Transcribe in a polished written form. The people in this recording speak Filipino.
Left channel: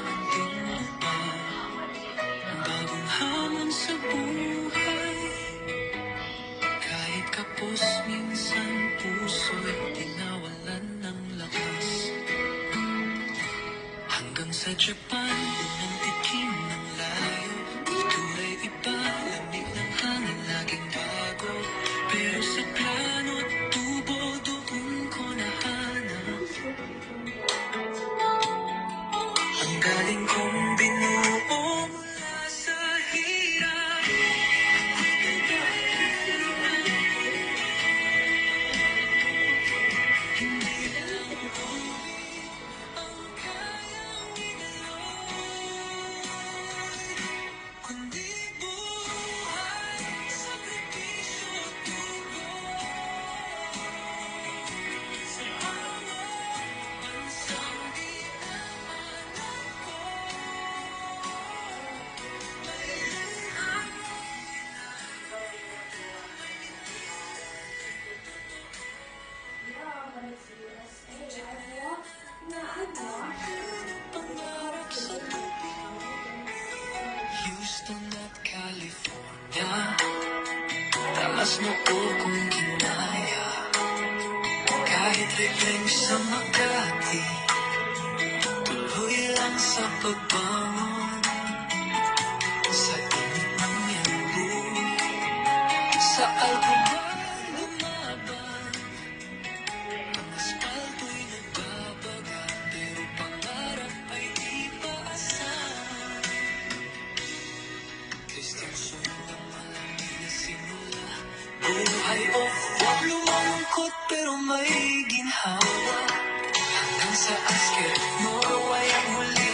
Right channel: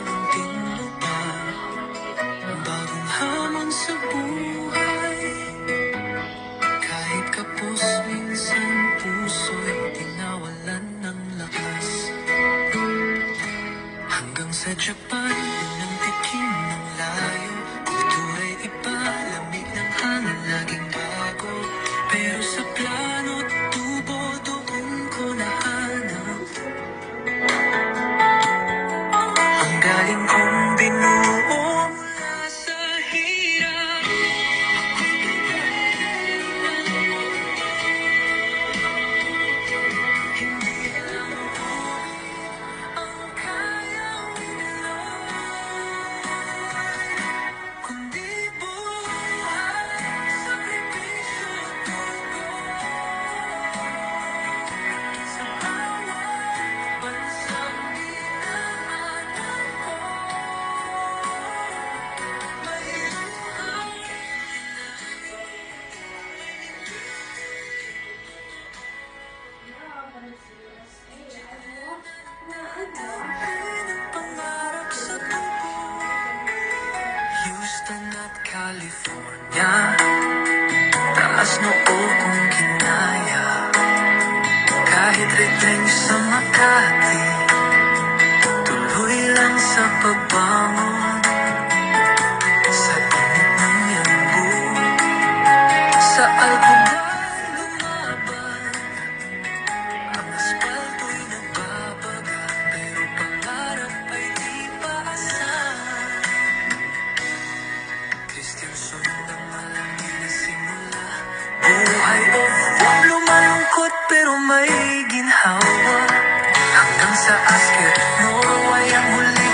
munting lupa. Bagong hamon sa buhay, kahit kapos minsan puso'y tinawalan ng lakas. Hanggang sa Japan, yun ang tikim ng layo. Kultura'y iba, lamig ng hangin laging bago. Pero sa plano't tubo, doon ko nahanap ang galing kong binuo mula sa hirap. Hindi lang tubig ang kayang idaloy, kundi buhay, sakripisyo at dugo. Sa bawat bansang dinaanan ko, may luhang pangarap sa tubo. Houston at California, taas noo kong kinaya. Kahit ribling sa Makati, tuloy lang sa pagbangon. Sa init ng yambu, sa Alcoban lumaban. Ang asfalto'y nagbabaga, pero pangarap ay di paasan. Christian sundang malamig na simula. Buhay o huwag lumalungkot pero may ginhawa. Hanggang sa Asker, Norway ang huli